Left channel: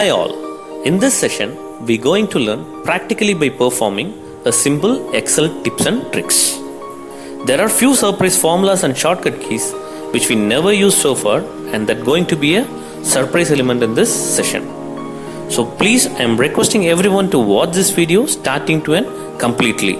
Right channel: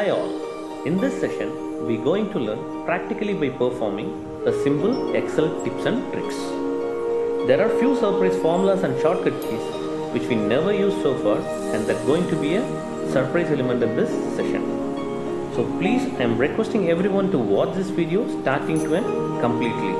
Hi all. In this session, we're going to learn practically by performing a simple Excel tips and tricks. There are few surprise formulas and shortcut keys which we never used so far, and that going to be a surprise element in this session. So please, I am requesting everyone to watch this video starting to end completely.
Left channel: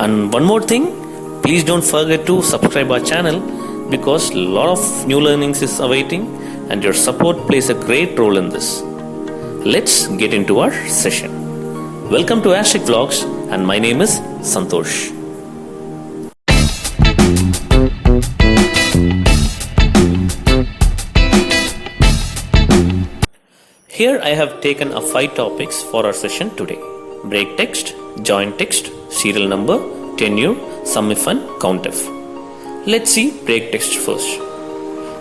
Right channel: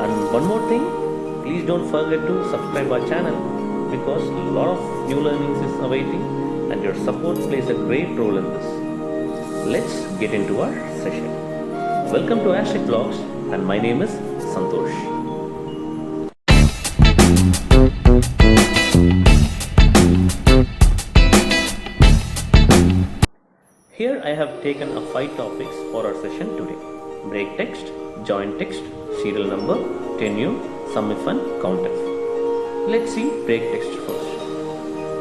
And one more thing, please don't forget to subscribe our channel because a lot of new learnings is awaiting and your support plays a great role in this. Let's get into our session. Welcome to Ashik Vlogs and my name is Santosh. Here I have taken 5 topics for our session today. Break text, join text, serial number, tenure, sumif and countf. Let's see break text first.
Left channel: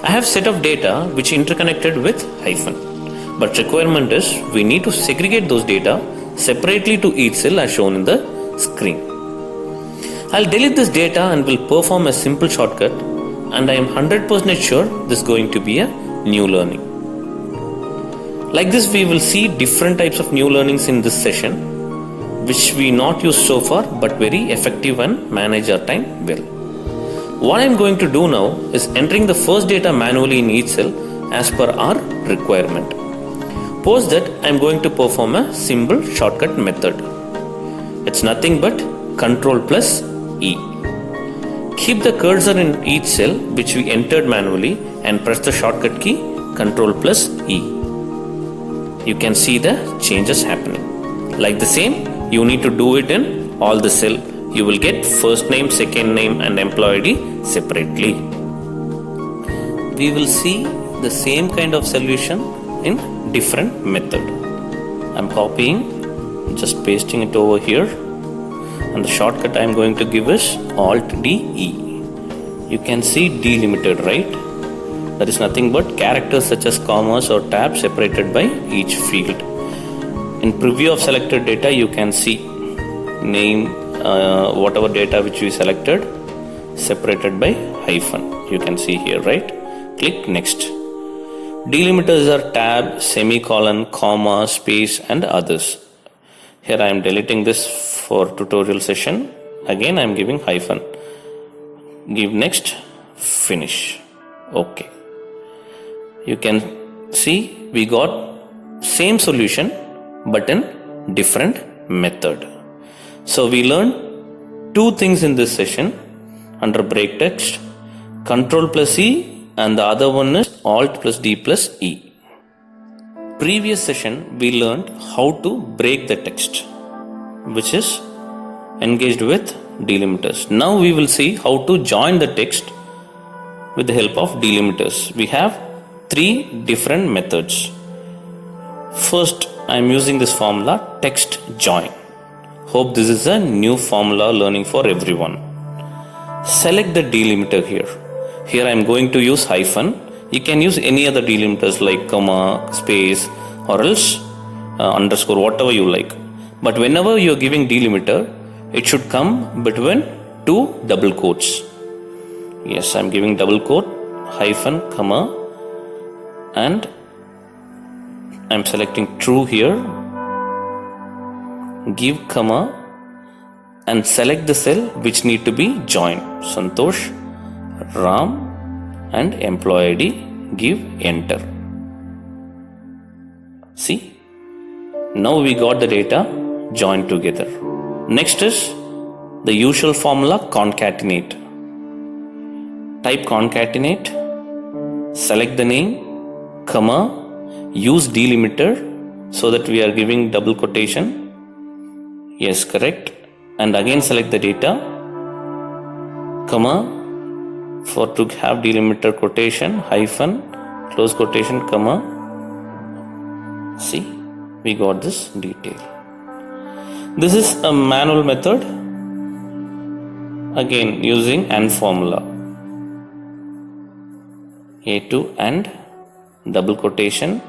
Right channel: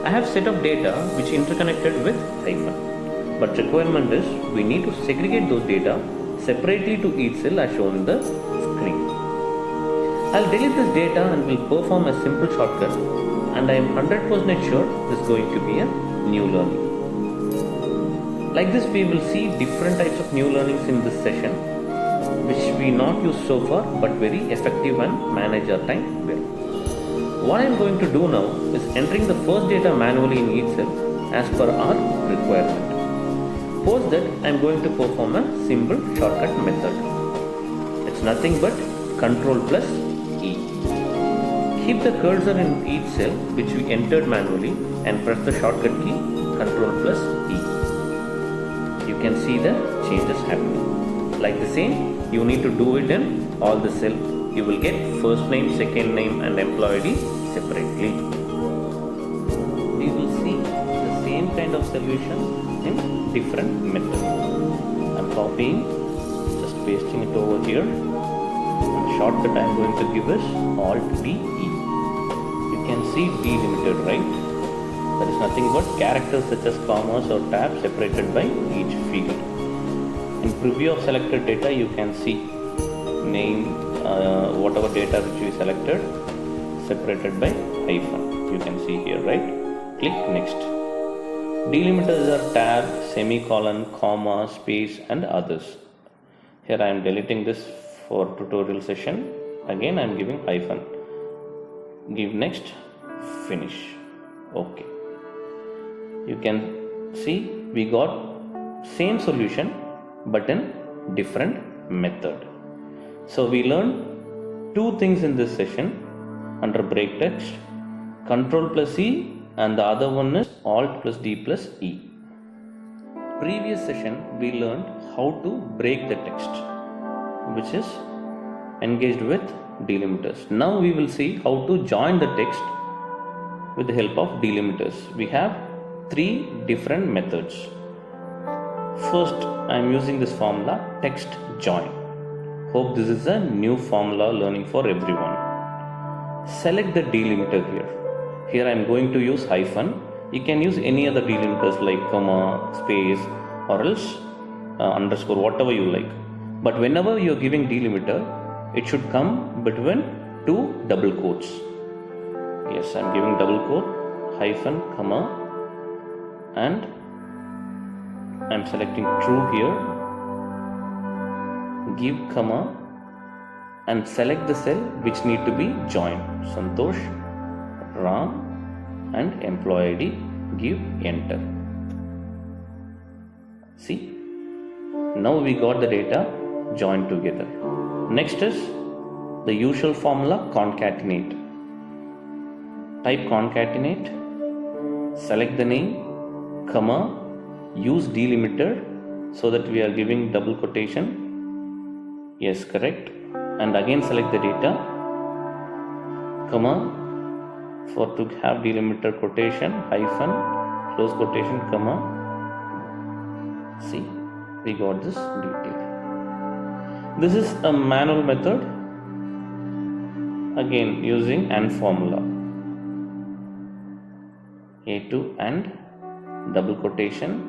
I have set of data which interconnected with hyphen. But requirement is we need to segregate those data separately to each cell as shown in the screen. I'll delete this data and will perform a simple shortcut, and I am 100% sure this is going to be a new learning. Like this we will see different types of new learnings in this session which we not used so far but very effective and manage our time well. What I am going to do now is entering the first data manually in each cell as per our requirement. Post that I am going to perform a simple shortcut method. It's nothing but Ctrl plus E. Keep the cursor in each cell which we entered manually and press the shortcut key Ctrl plus E. You can see the changes happening. Like the same, you need to do it in all the cell. You will get first name, second name and employee ID separately. We will see the same kind of solution in different method. I'm copying, just pasting it over here, and the shortcut I'm going to give is Alt D E. You can see delimited, right? That is nothing but characters such as commas or tabs separated by each field. In preview of selected data, you can see name, whatever data which we selected, separated by hyphen. You can see here, right? Click next. Delimiters are tab, semicolon, comma, space and others. Here I am deleting this for tutorial session. Again I am giving hyphen. Give next, finish. Okay. You can see we got same solution but in different method. So we learned 2 things in this session under break text, Ctrl plus E, and the other one is Alt plus D plus E. Previous session we learned how to break the text, which is engaged with delimiters. Now we will see how to join the text with the help of delimiters. We have 3 different methods. First, I am using this formula text join. Hope this is a new formula learning for everyone. Select the delimiter here. Here I am going to use hyphen. You can use any other delimiters like comma, space or else underscore, whatever you like. But whenever you are giving delimiter, it should come between 2 double quotes. Yes, I am giving double quote, hyphen, comma, and I am selecting true here. Give comma and select the cell which need to be joined. Santosh, Ram and employee ID, give enter. See, now we got the data joined together. Next is the usual formula concatenate. Type concatenate, select the name, comma, use delimiter so that we are giving double quotation. Yes, correct. And again select the data, comma, for to have delimiter quotation, hyphen, close quotation, comma. See, we got this detail. This is a manual method, again using AND formula. A2 and double quotation,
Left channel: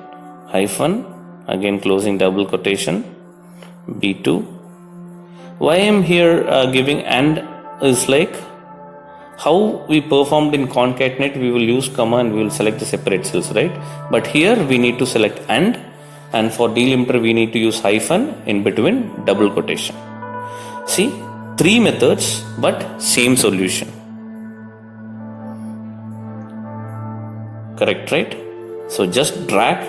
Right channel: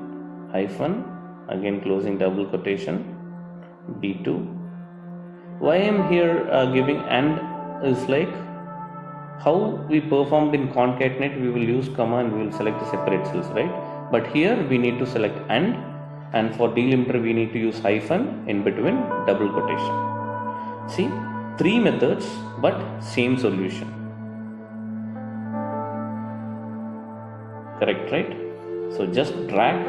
hyphen, again closing double quotation, B2. Why I am here giving AND is like how we performed in concatenate, we will use comma and we will select the separate cells, right? But here we need to select AND and for delimiter we need to use hyphen in between double quotation. See, 3 methods but same solution. Correct, right? So just drag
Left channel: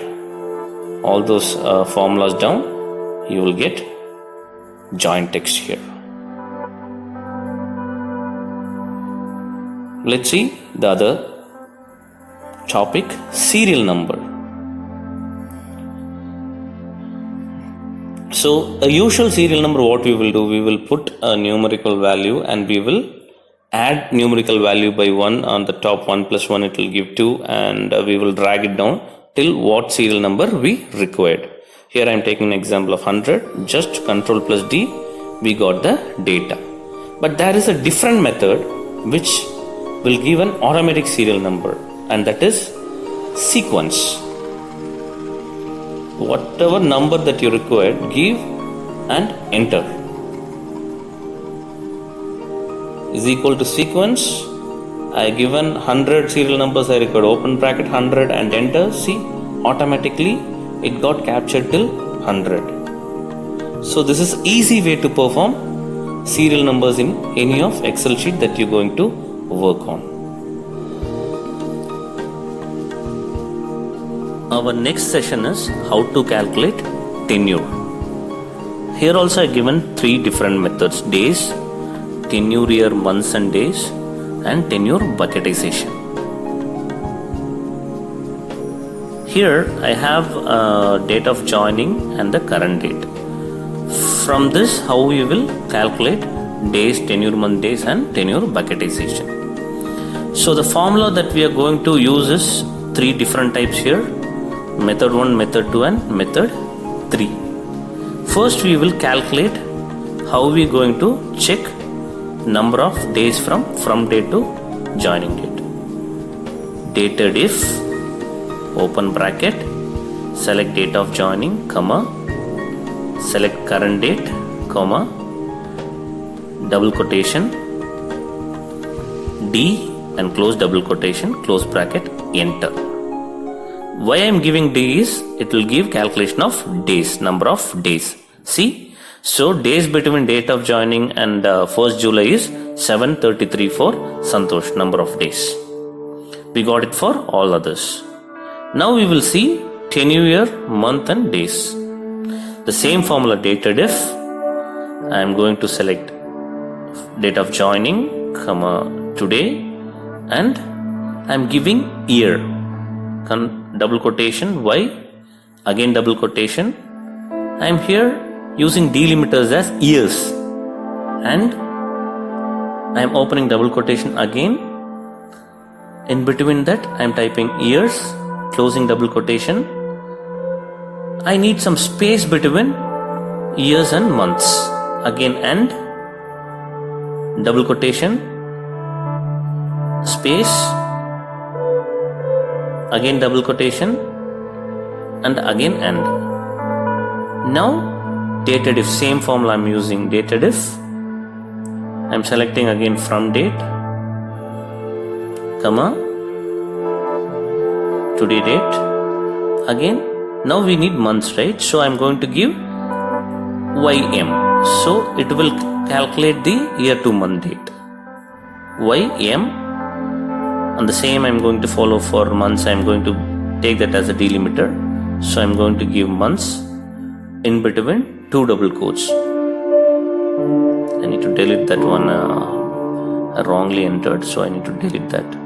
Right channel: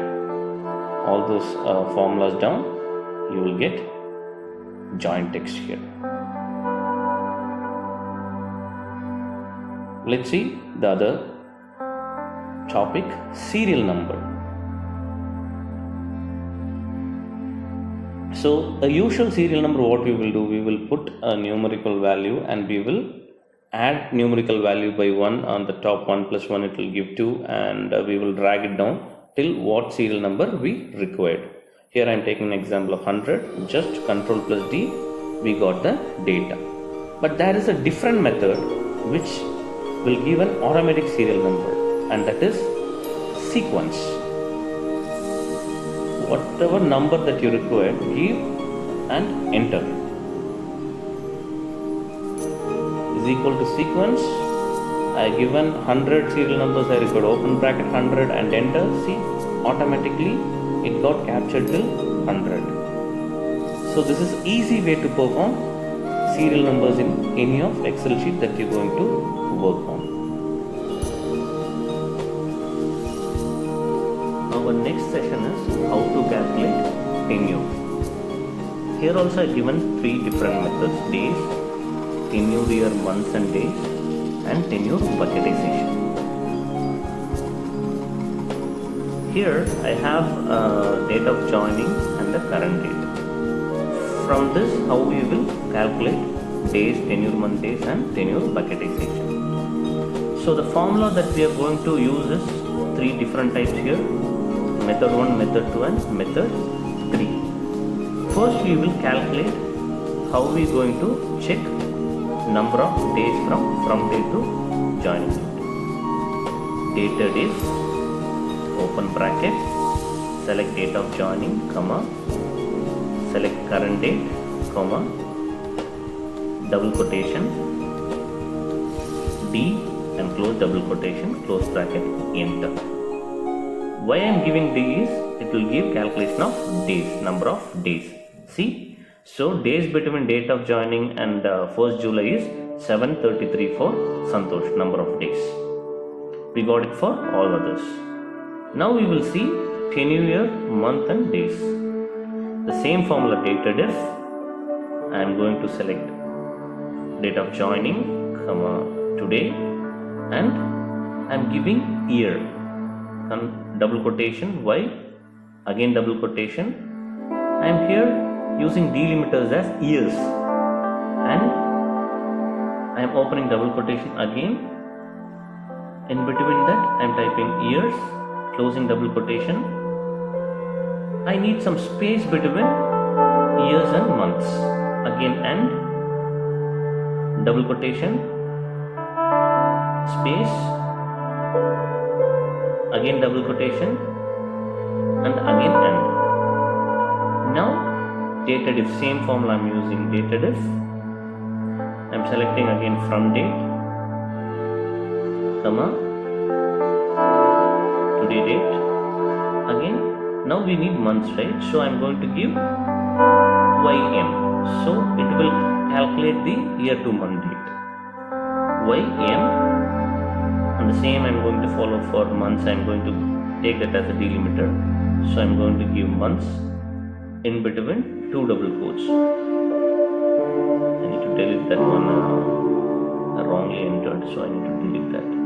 all those formulas down, you will get joint text here. Let's see the other topic, serial number. So a usual serial number, what we will do, we will put a numerical value and we will add numerical value by 1 on the top. 1 plus 1 it will give 2, and we will drag it down till what serial number we required. Here I am taking an example of 100, just Control plus D, we got the data. But there is a different method which will give an automatic serial number, and that is sequence. Whatever number that you require, give and enter is equal to sequence. I given 100 serial numbers, I required open bracket 100 and enter. See, automatically it got captured till 100. So this is easy way to perform serial numbers in any of Excel sheet that you're going to work on. Our next session is how to calculate tenure. Here also I given 3 different methods: days, tenure year months and days, and tenure bucketization. Here I have date of joining and the current date. From this, how we will calculate days, tenure month days, and tenure bucketization. So the formula that we are going to use is 3 different types here: method 1, method 2, and method 3. First we will calculate how we going to check number of days from date to joining date. Dated if, open bracket, select date of joining, comma, select current date, comma, double quotation, D, and close double quotation, close bracket, enter. Why I am giving D is, it will give calculation of days, number of days. See, so days between date of joining and 1st July is 733 for Santosh, number of days. We got it for all others. Now we will see tenure year, month and days. The same formula, dated if, I am going to select date of joining, comma, today, and I am giving year, double quotation, Y, again double quotation. I am here using delimiters as years, and I am opening double quotation again. In between that I am typing years, closing double quotation. I need some space between years and months, again, and double quotation, space, again double quotation, and again and. Now dated if, same formula I am using, dated if, I am selecting again from date, comma, today date, again. Now we need months, right? So I am going to give YM, so it will calculate the year to month date, YM, and the same I am going to follow for months. I am going to take that as a delimiter, so I am going to give months in between 2 double quotes. I need to delete that one, I wrongly entered, so I need to delete that.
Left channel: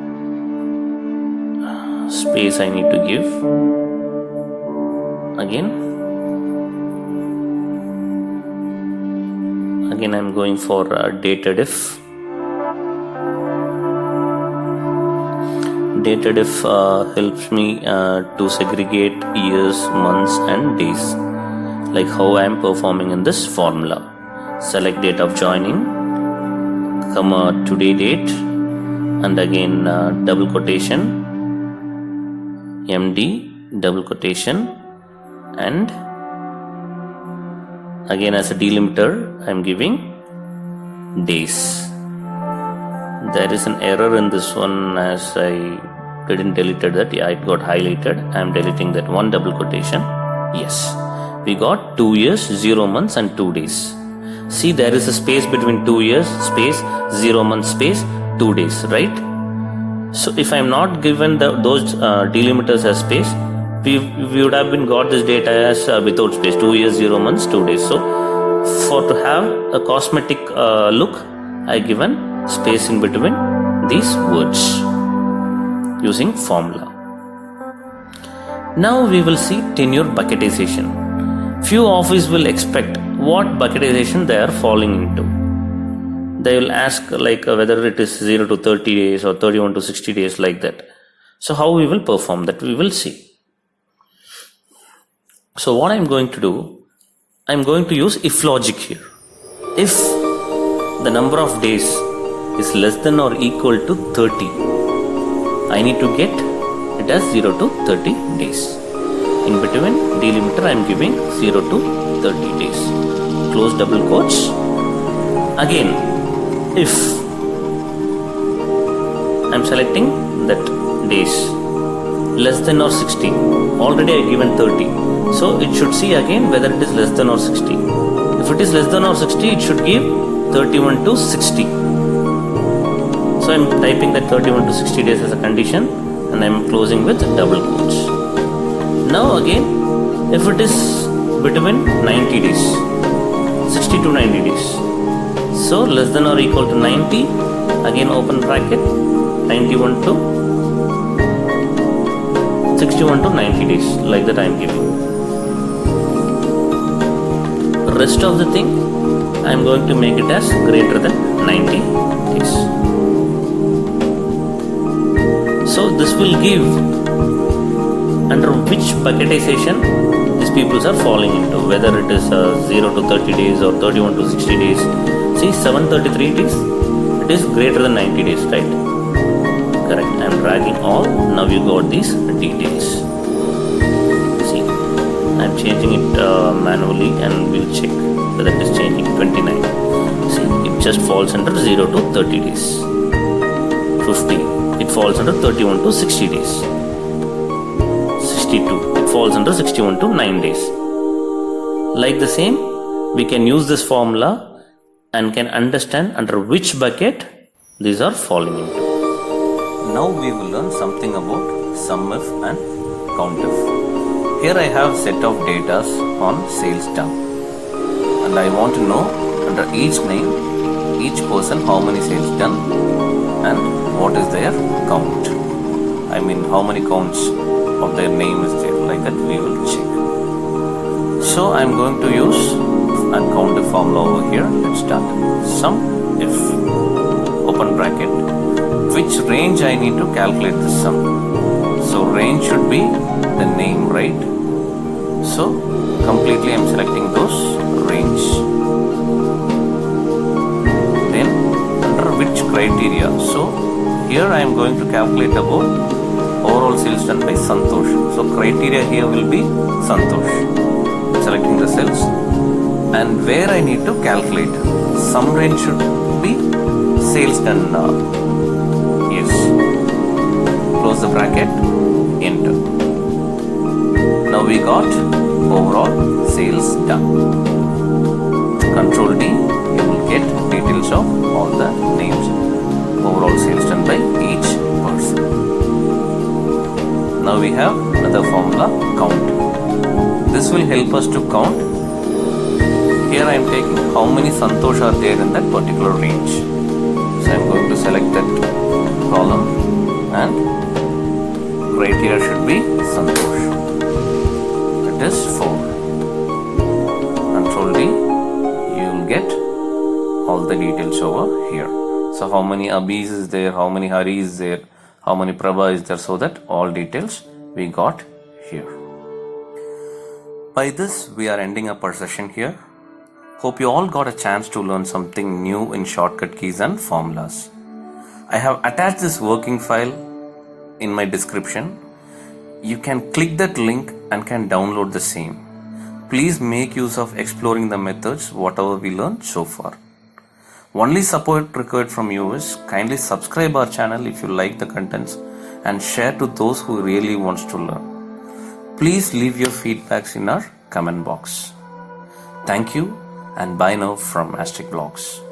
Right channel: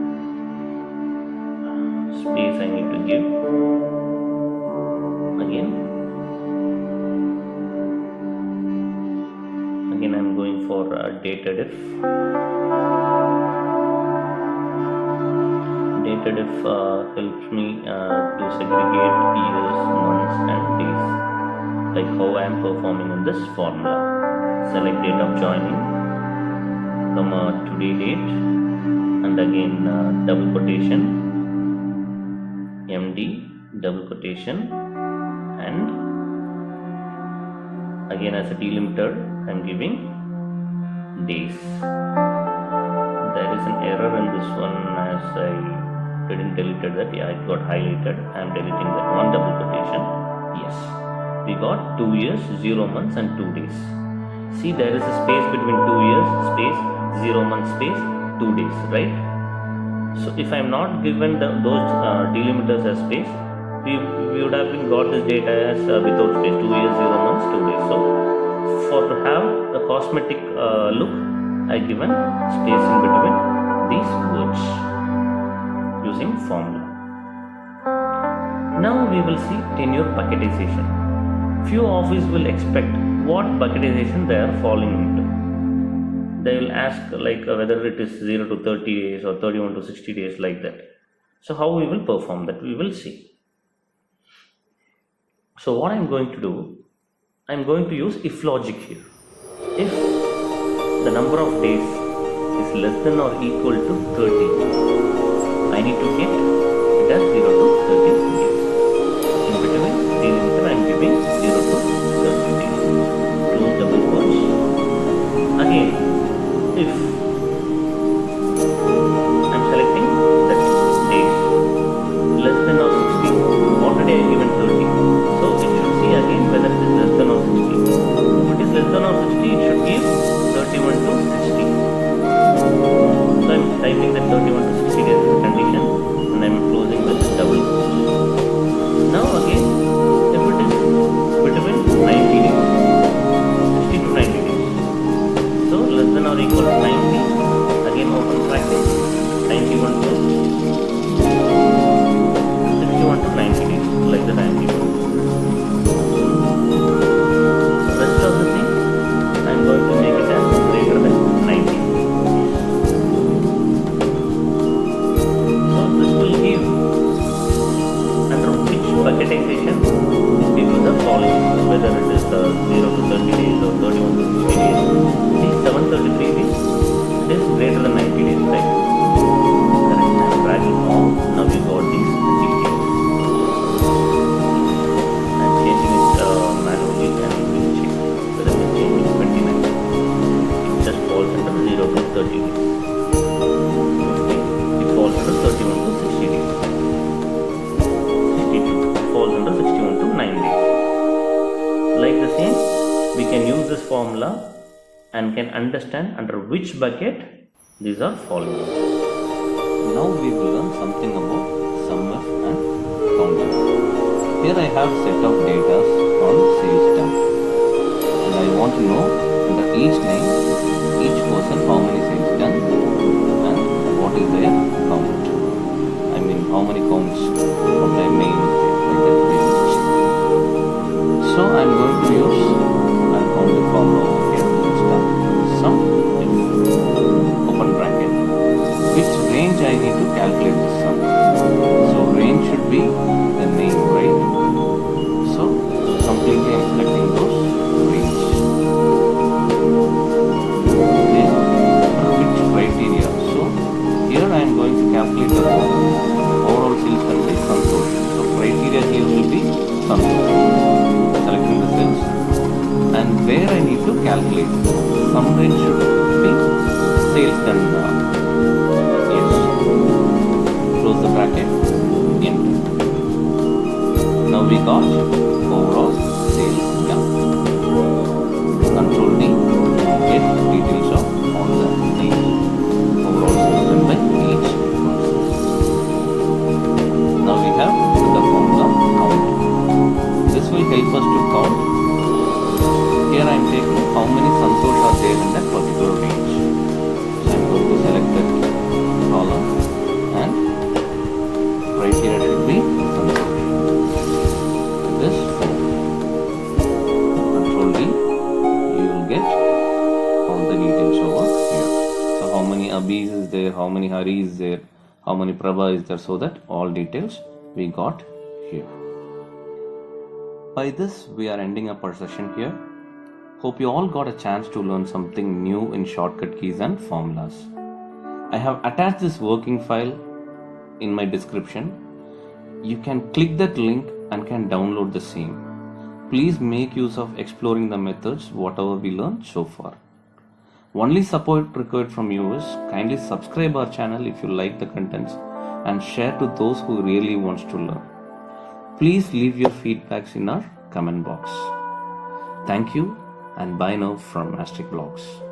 Space I need to give. Again I am going for dated if. Dated if helps me to segregate years, months and days, like how I am performing in this formula. Select date of joining, comma, today date, and again double quotation, MD, double quotation, and again as a delimiter I am giving days. There is an error in this one, as I didn't delete that. Yeah, it got highlighted. I am deleting that one double quotation, Yes, we got 2 years, 0 months and 2 days. See, there is a space between 2 years, space, 0 months, space, 2 days, right? So if I am not given those delimiters as space, we would have been got this data as without space, 2 years, 0 months, 2 days. So for to have a cosmetic look, I given space in between these words using formula. Now we will see tenure bucketization. Few office will expect what bucketization they are falling into. They will ask whether it is 0 to 30 days or 31 to 60 days, like that. So how we will perform that, we will see. So what I'm going to do, I'm going to use if logic here. If the number of days is less than or equal to 30, I need to get it as 0 to 30 days. In between delimiter I am giving 0 to 30 days. Close double quotes. Again, if I am selecting that days less than or 60, already I given 30, so it should see again whether it is less than or 60. If it is less than or 60, it should give 31 to 60. So I am typing that 31 to 60 days as a condition and I am closing with double quotes. Now again, if it is between 90 days, 60 to 90 days, so less than or equal to 90, again open bracket, 91 to 61 to 90 days, like that I am giving. Rest of the thing I am going to make it as greater than 90 days. So this will give under which bucketization these people are falling into, whether it is 0 to 30 days or 31 to 60 days. See, 733 days, it is greater than 90 days, right? Correct. I am dragging all. Now you got these details. See, I am changing it manually and we'll check whether it is changing. 29. See, it just falls under 0 to 30 days. 50, it falls under 31 to 60 days. 62, it falls under 61 to 9 days. Like the same, we can use this formula and can understand under which bucket these are falling into. Now we will learn something about SUMIF and COUNTIF. Here I have set of data on sales done, and I want to know under each name, each person, how many sales done and what is their count. I mean, how many counts of their name is there, like that we will check. So I am going to use and COUNTIF formula over here. Let's start. SUMIF, open bracket, which range I need to calculate the sum. So range should be the name, right? So completely I am selecting those range. Then under which criteria? So here I am going to calculate about overall sales done by Santosh. So criteria here will be Santosh. Selecting the cells and where I need to calculate. Sum range should be sales done. Yes. Close the bracket. Enter. Now we got overall sales done. Control D, you will get details of all the names. Overall sales done by each person. Now we have another formula, count. This will help us to count. Here I am taking how many Santosh are there in that particular range. So I am going to select that column and criteria should be Santosh. It is 4. Control D, you will get all the details over here. So how many Abhis is there, how many Hari is there, how many Prabha is there, so that all details we got here. By this we are ending up our session here. Hope you all got a chance to learn something new in shortcut keys and formulas. I have attached this working file in my description. You can click that link and can download the same. Please make use of exploring the methods whatever we learned so far. Only support required from you is kindly subscribe our channel if you like the contents and share to those who really wants to learn. Please leave your feedbacks in our comment box. Thank you and bye now from Asterisk Blogs.